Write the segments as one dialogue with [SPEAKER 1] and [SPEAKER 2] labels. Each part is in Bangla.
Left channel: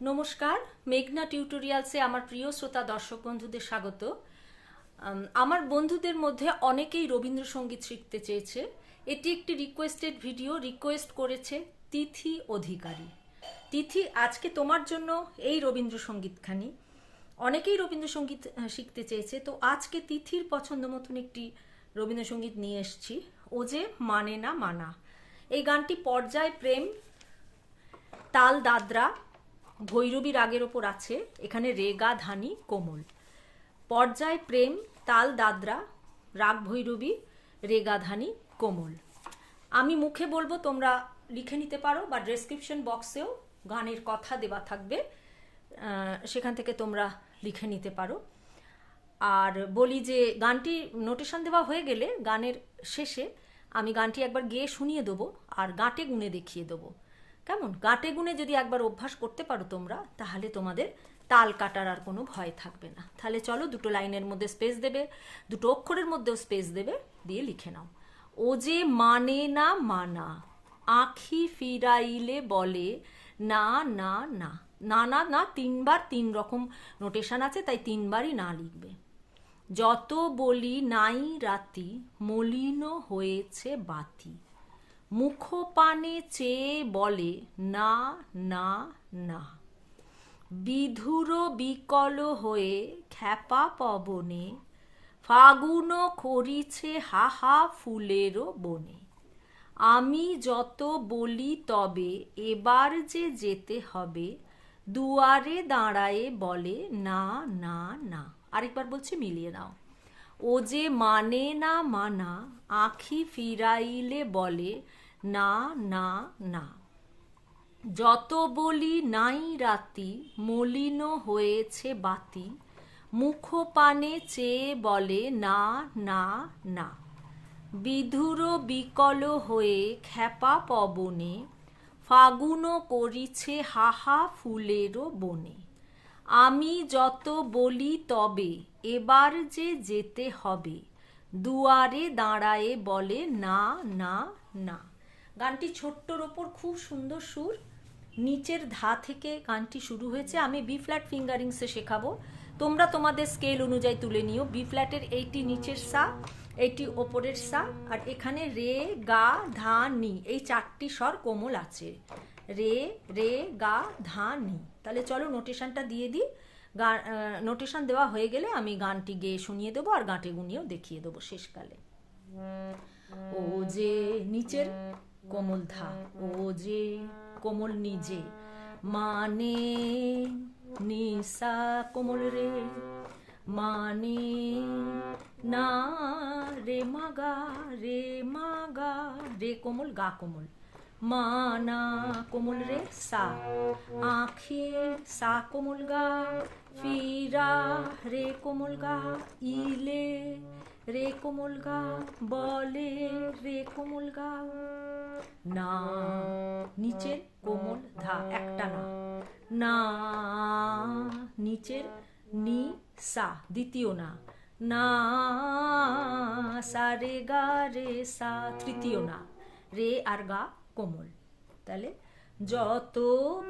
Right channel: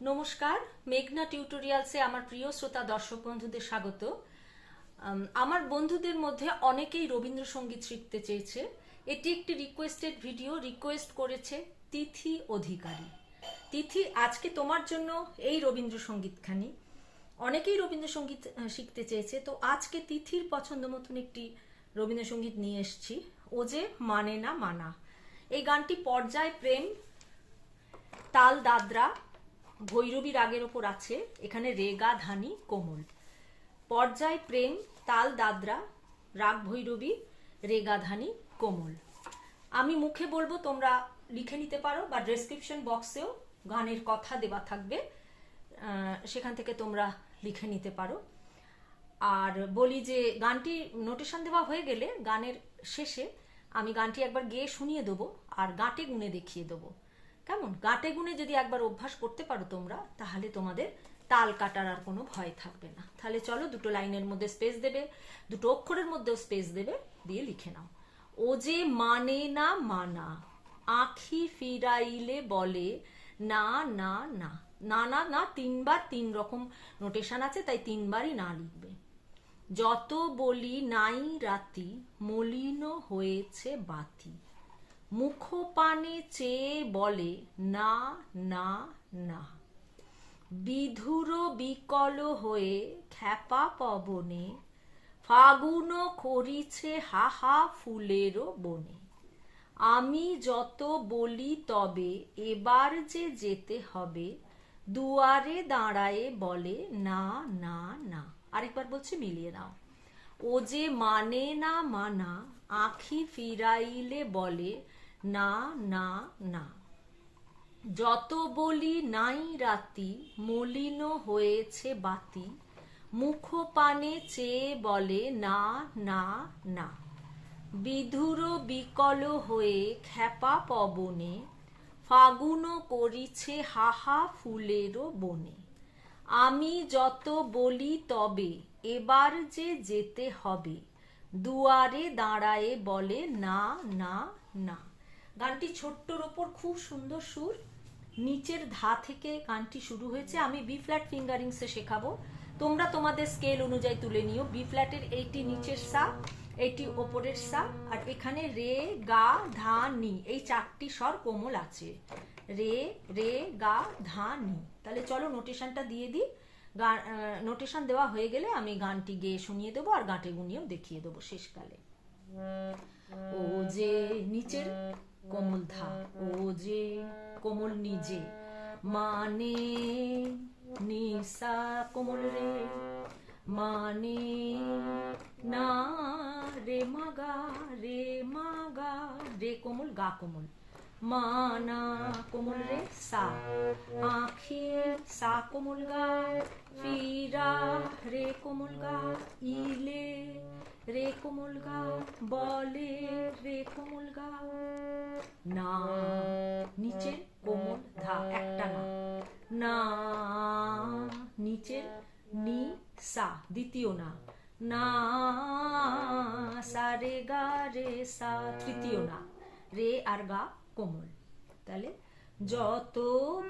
[SPEAKER 1] নমস্কার, মেঘনা টিউটোরিয়ালসে আমার প্রিয় শ্রোতা দর্শক বন্ধুদের স্বাগত। আমার বন্ধুদের মধ্যে অনেকেই রবীন্দ্রসঙ্গীত শিখতে চেয়েছে। এটি একটি রিকোয়েস্টেড ভিডিও রিকোয়েস্ট করেছে তিথি অধিকারী। তিথি, আজকে তোমার জন্য এই রবীন্দ্রসঙ্গীতখানি। অনেকেই রবীন্দ্রসঙ্গীত শিখতে চেয়েছে। তো আজকে তিথির পছন্দ মতন একটি রবীন্দ্রসঙ্গীত নিয়ে এসেছি। ও যে মানে না মানা। এই গানটি পর্যায় প্রেম, তাল দাদরা ভৈরবী রাগের ওপর আছে, এখানে রেগা, ধানি, কোমল। পর্যায় প্রেম, তাল, দাদরা, রাগ, ভৈরবী, রেগা, ধানি, কোমল। আমি মুখে বলব, তোমরা লিখে নিতে পারো বা ডেসক্রিপশন বক্সেও গানের কথা দেওয়া থাকবে সেখান থেকে তোমরা লিখে নিতে পারো। আর বলি যে, গানটি নোটেশন দেওয়া হয়ে গেলে গানের শেষে আমি গানটি একবার গেয়ে শুনিয়ে দেবো, আর গাঁটে গুনে দেখিয়ে দেবো। কেমন? গাঁটে গুনে যদি একবার অভ্যাস করতে পারো তোমরা, তাহলে তোমাদের তাল কাটার আর কোনো ভয় থাকবে না। তাহলে চলো দুটো লাইনের মধ্যে স্পেস দেবে, দুটো অক্ষরের মধ্যেও স্পেস দেবে, দিয়ে লিখে নাও। ও যে মানে না মানা, আখি ফিরাইলে বলে, না না না। না না না, তিনবার তিন রকম নোটেশন আছে, তাই তিনবারই না লিখবে। যত বলি নাই রাতি, মলিন হয়েছে বাতি। মুখপানে চেয়ে বলে, না না না। বিধুর বিকল হয়ে খ্যাপা পবনে, ফাগুন করিছে হাহা ফুলেরও বনে। আমি যত বলি তবে এবার যে যেতে হবে, দুয়ারে দাঁড়ায়ে বলে, না না না। আরেকবার বলছি, মিলিয়ে নাও। ও যে মানে না মানা আখি ফিরাইলে বলে, না না না। যত বলি নাই রাতি, মলিন হয়েছে বাতি। মুখ পানে চেয়ে বলে, না না না। বিধুর বিকল হয়ে খ্যাপা পবনে, ফাগুন করিছে হাহা ফুলেরও বনে। আমি যত বলি তবে, এবার যে যেতে হবে। দুয়ারে দাঁড়ায়ে বলে, না না না। গানটি ছোট্টর ওপর খুব সুন্দর সুর। নিচের ধা থেকে গানটি শুরু হয়েছে। আমি বি ফ্ল্যাট ফিঙ্গারিংসে শেখাবো। তোমরা তোমাদের স্কেল অনুযায়ী তুলে নিও। বি ফ্ল্যাটের এইটি নিচের সা, এইটি ওপরের সা, আর এখানে রে, গা, ধা, নি, এই চারটি স্বর কোমল আছে। রে রে, গা, ধা, নি। তাহলে চলো নোটেশনটা দিয়ে দিই। নোটেশন দেওয়া হয়ে গেলে আমি গানটি গেয়ে শুনিয়ে দেবো আর গাঁটে গুনিয়েও দেখিয়ে দেবো শেষকালে। ও যে নিচের কোমল ধা, ও যে কোমল নিজে মানে নিসা কোমল রে মানে না রে, মাগা রে মাগা রে, কোমল গা কোমল। মানা কোমল রে, সা। আখি সা কোমল গা, ফিরা রে কোমল গা, ইলে রে কোমল গা, বলে রে কোমল গা। না নিচের কোমল ধা, একটা না। না, নিচের নি, সা, দ্বিতীয় না। না, সা রে গা রে সা, তৃতীয় না। রে আর গা কোমল। তাহলে যত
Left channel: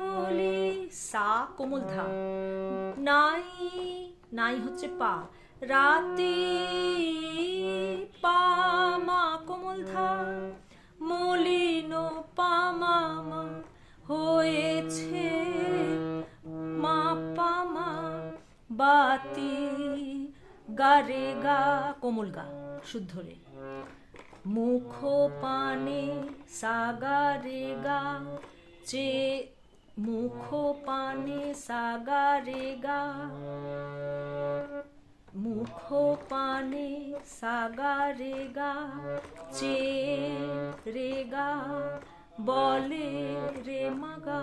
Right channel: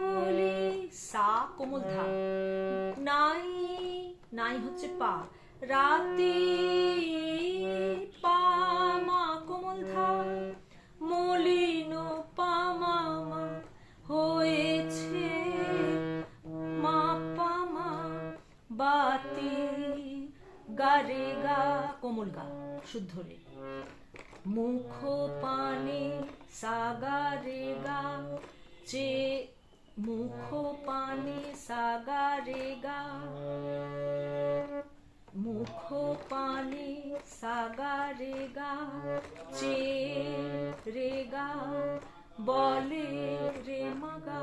[SPEAKER 1] বলি সা কোমল ধা। নাই নাই হচ্ছে পা। রাতি পামা কোমল ধা। মলিন পামা মা হয়েছে মা পামা বাতি গারে গা কোমল গা শুদ্ধ রে। মুখ পানে সাগারে গা চে মুখ পানে সাগারে গা মুখ পানে সাগারে গা চে রে গা, বলে রে মাগা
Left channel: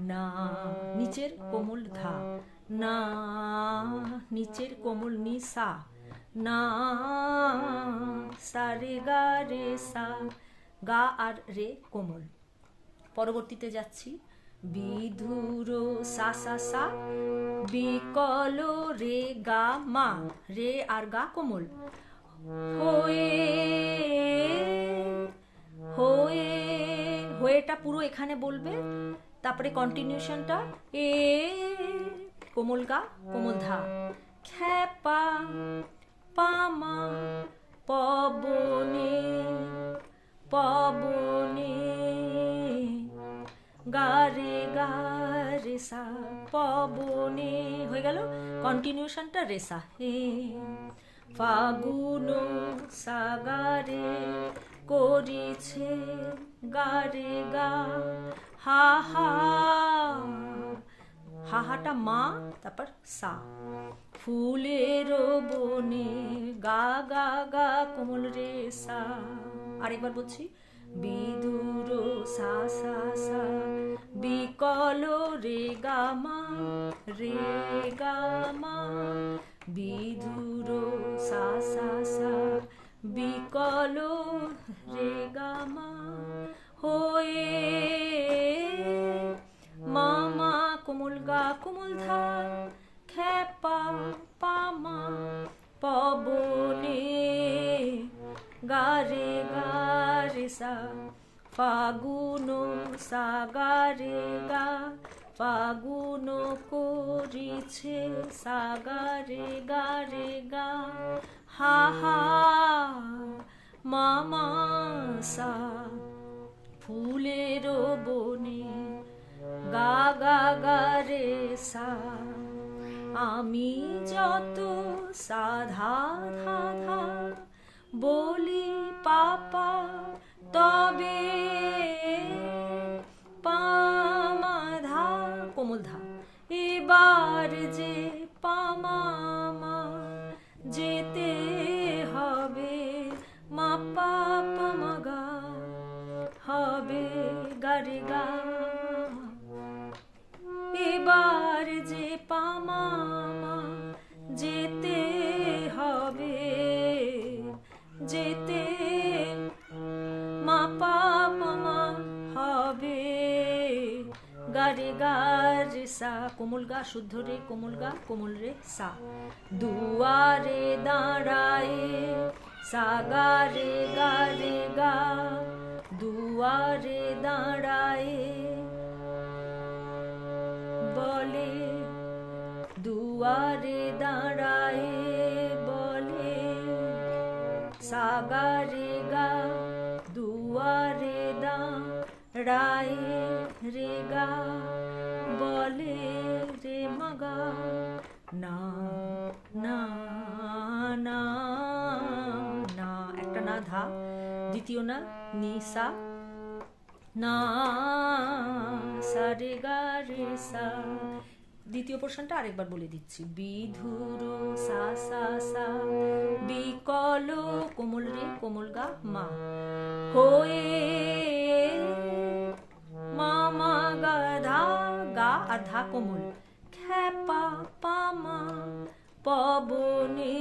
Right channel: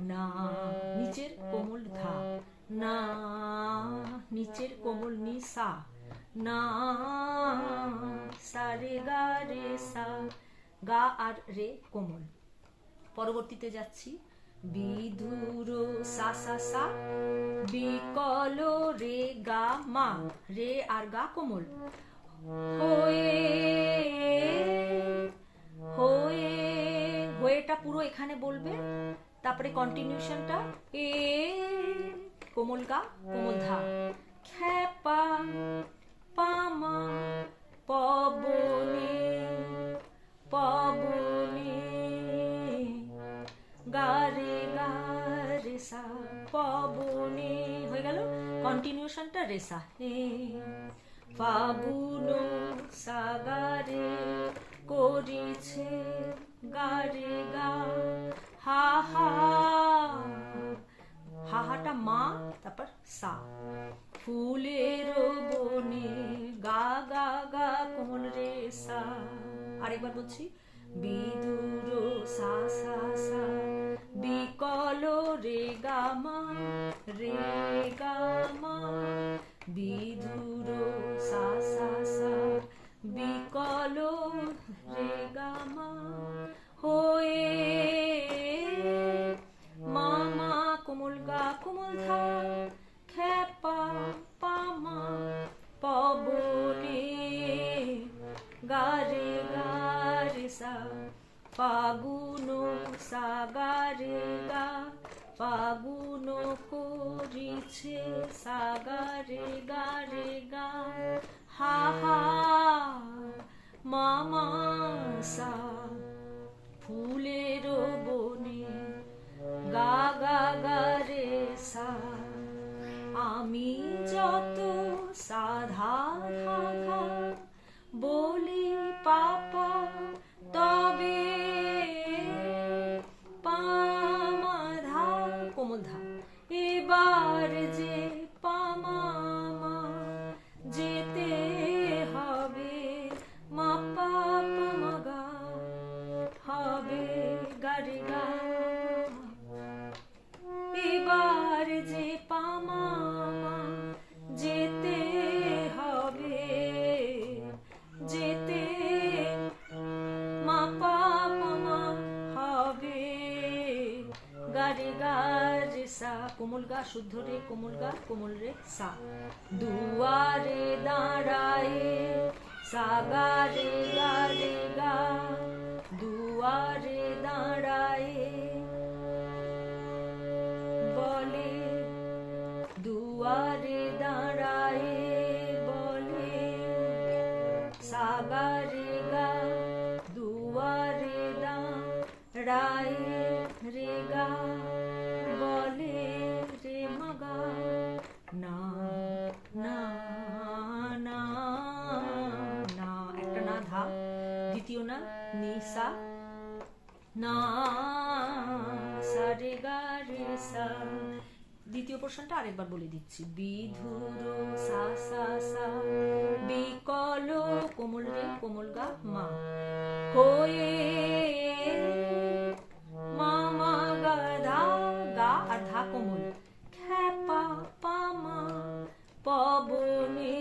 [SPEAKER 1] না নিচের কোমল ধা, না নিচের কোমল নিসা, না সা রে গা রে সা গা আর রে কোমল। পরবর্তীতে যাচ্ছি। বিধুর সা সা সা। বিকল রে গা মা, রে আর গা কোমল। হয়ে হয়ে, হয়েটা পুরো এখানে বলবে। তারপরে কন্টিনিউশনটা এ, কোমল গা, কোমল ধা। খ্যাপা, পামা, পবনে। পবনে। গারে গারে সা পবনে। হয়ে গেল কন্টিনিউশনটা রেসা। হে ফাগুন সাগারে করেছে গারে গা। হা হা মা, তারপর সা। ফুলের বনে গা গা গা, কোমল রে সা। আরেকবার বলছি, বিদুর সা সা সা। বিকল রে গা মা, রে ফাগুন সাগারে গা ফাগুন করিছে সাগারে গারে গা। হা হা, মামা সা, ফুলের বনে গা গা গা রে সা। আমি যত সাধা ধা ধা সা, কোমল গা, শুদ্ধ রে, কোমল গা, কোমল রে সা। দুয়ারে দাঁড়ায় সা গা রে গা। দুয়ারে দাঁড়ায় দ্বিতীয় পোর্শনটা আরেকবার বলে দিচ্ছি। বিধুর সা সা সা, বিকল কোমল রে, কোমল গা, মা। হয়ে মামা গা ধা গা আর কোমল। খ্যাপা পামা, পবনে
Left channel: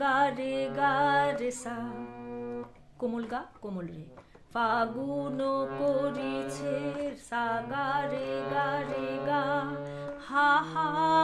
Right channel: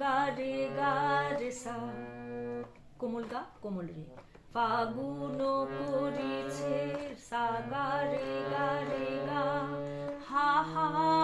[SPEAKER 1] গারে গারে সা। কোমল গা কোমল রে। ফাগুন করেছে সাগারে গারে গা। হা হা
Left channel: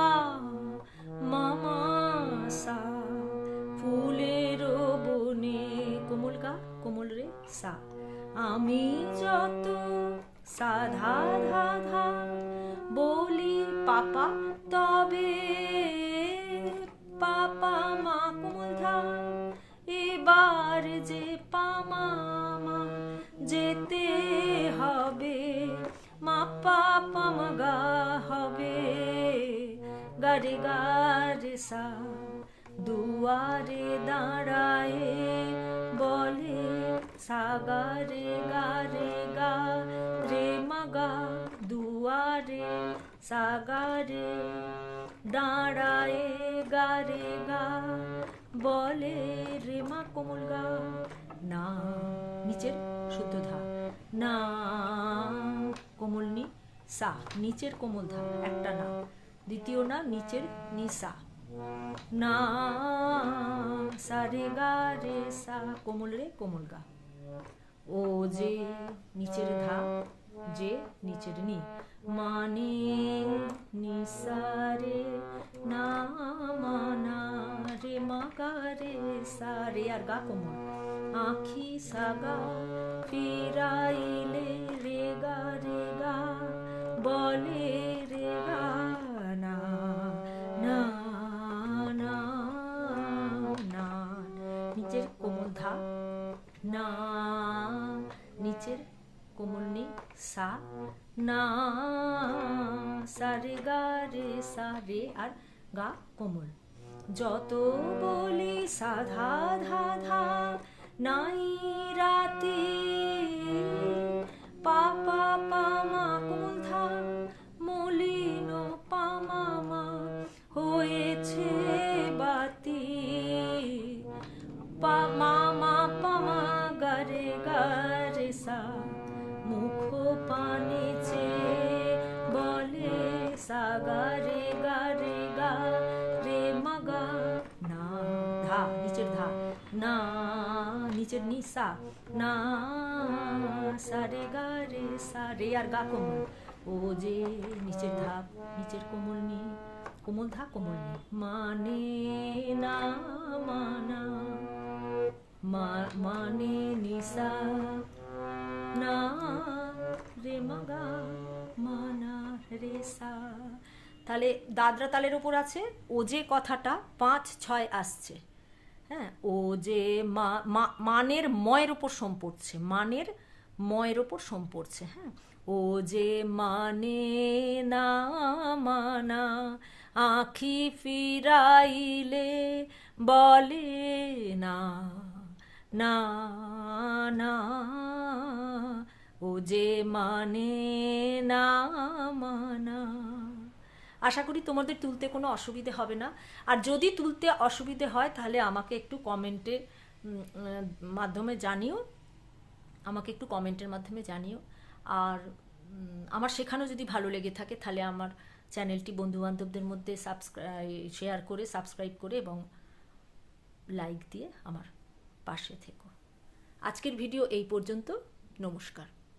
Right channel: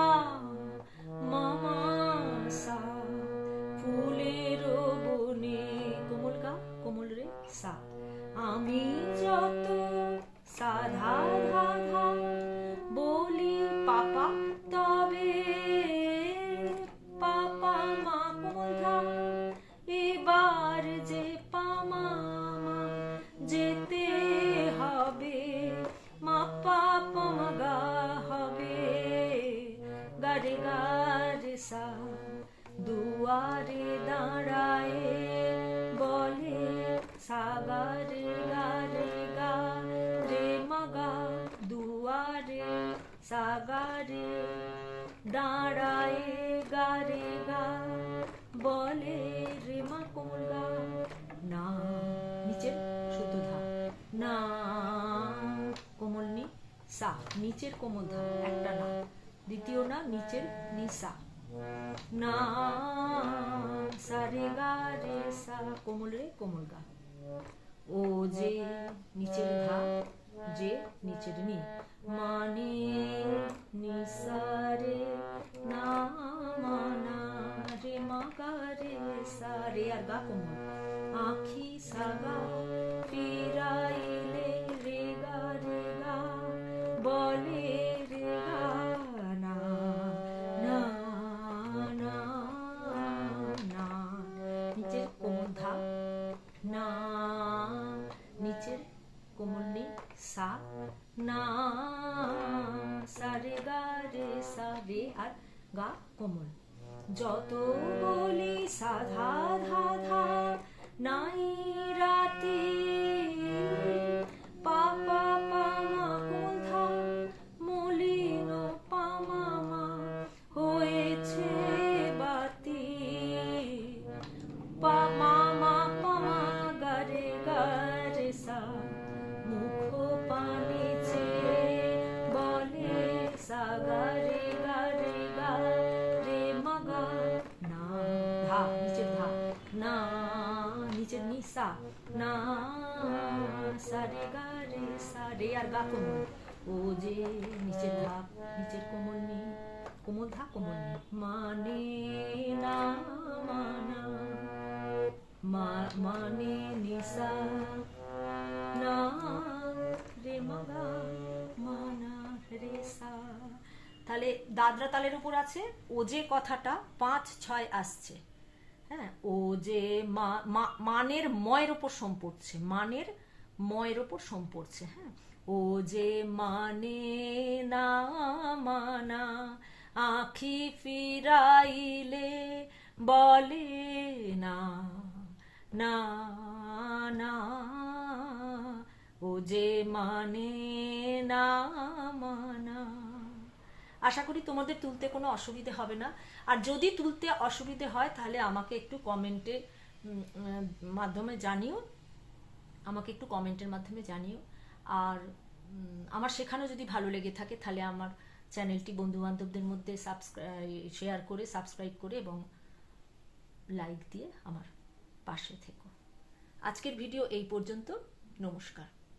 [SPEAKER 1] নিচের কোমল ধা একটা না। দ্বিতীয় না, নিচের নি সা না রে গা রে সা, কোমল রে কোমল গা। ও যে নিচের ধা যে নিচের নি মানে নিসারে না মানা রে মাগা রে সা। রে আর গা কোমল। আখি সাগা রে গা রে গা গা কোমল। যত বলে সাধা ধা ধা নাই রাতে আর গা কোমল। ও যে নিচের ধা নিচের কোমল নি কোমল ধা, কোমল নি মানে না, মানা। মানে নিসা। না রে মগা, মানা রে সা। তাহলে দাদরা তালের উপর আছে, ও যে কথাটা পাঁচ, ছয় আসছে। হ্যাঁ ও যে মানের ময়ের উপর সোম পড়ছে, মানের ময়ের উপর সোম পড়ছে হ্যাঁ। ও যে মানে না মানা, আখি ফিরাইলে বলে না না না। ও যে মানে না মানা। আশা করি তোমাদের তুলতে কোনো অসুবিধে হবে না। আর যদি তুলতে অসুবিধে হয়, তাহলে আমাকে একটু কমেন্টে মাধ্যমে জানিও। আমাকে একটু কমেন্টের মাধ্যমে জানিও। আর আমার শেখানো যদি ভালো লেগে থাকে, তাহলে আমার চ্যানেলটি বন্ধুবান্ধবদের মধ্যে সাবস্ক্রাইব শেয়ার করে সাবস্ক্রাইব করে এবং লাইক দিয়ে আমার পাশে থেকো। আজকের ভিডিও এই পর্যন্ত। নমস্কার।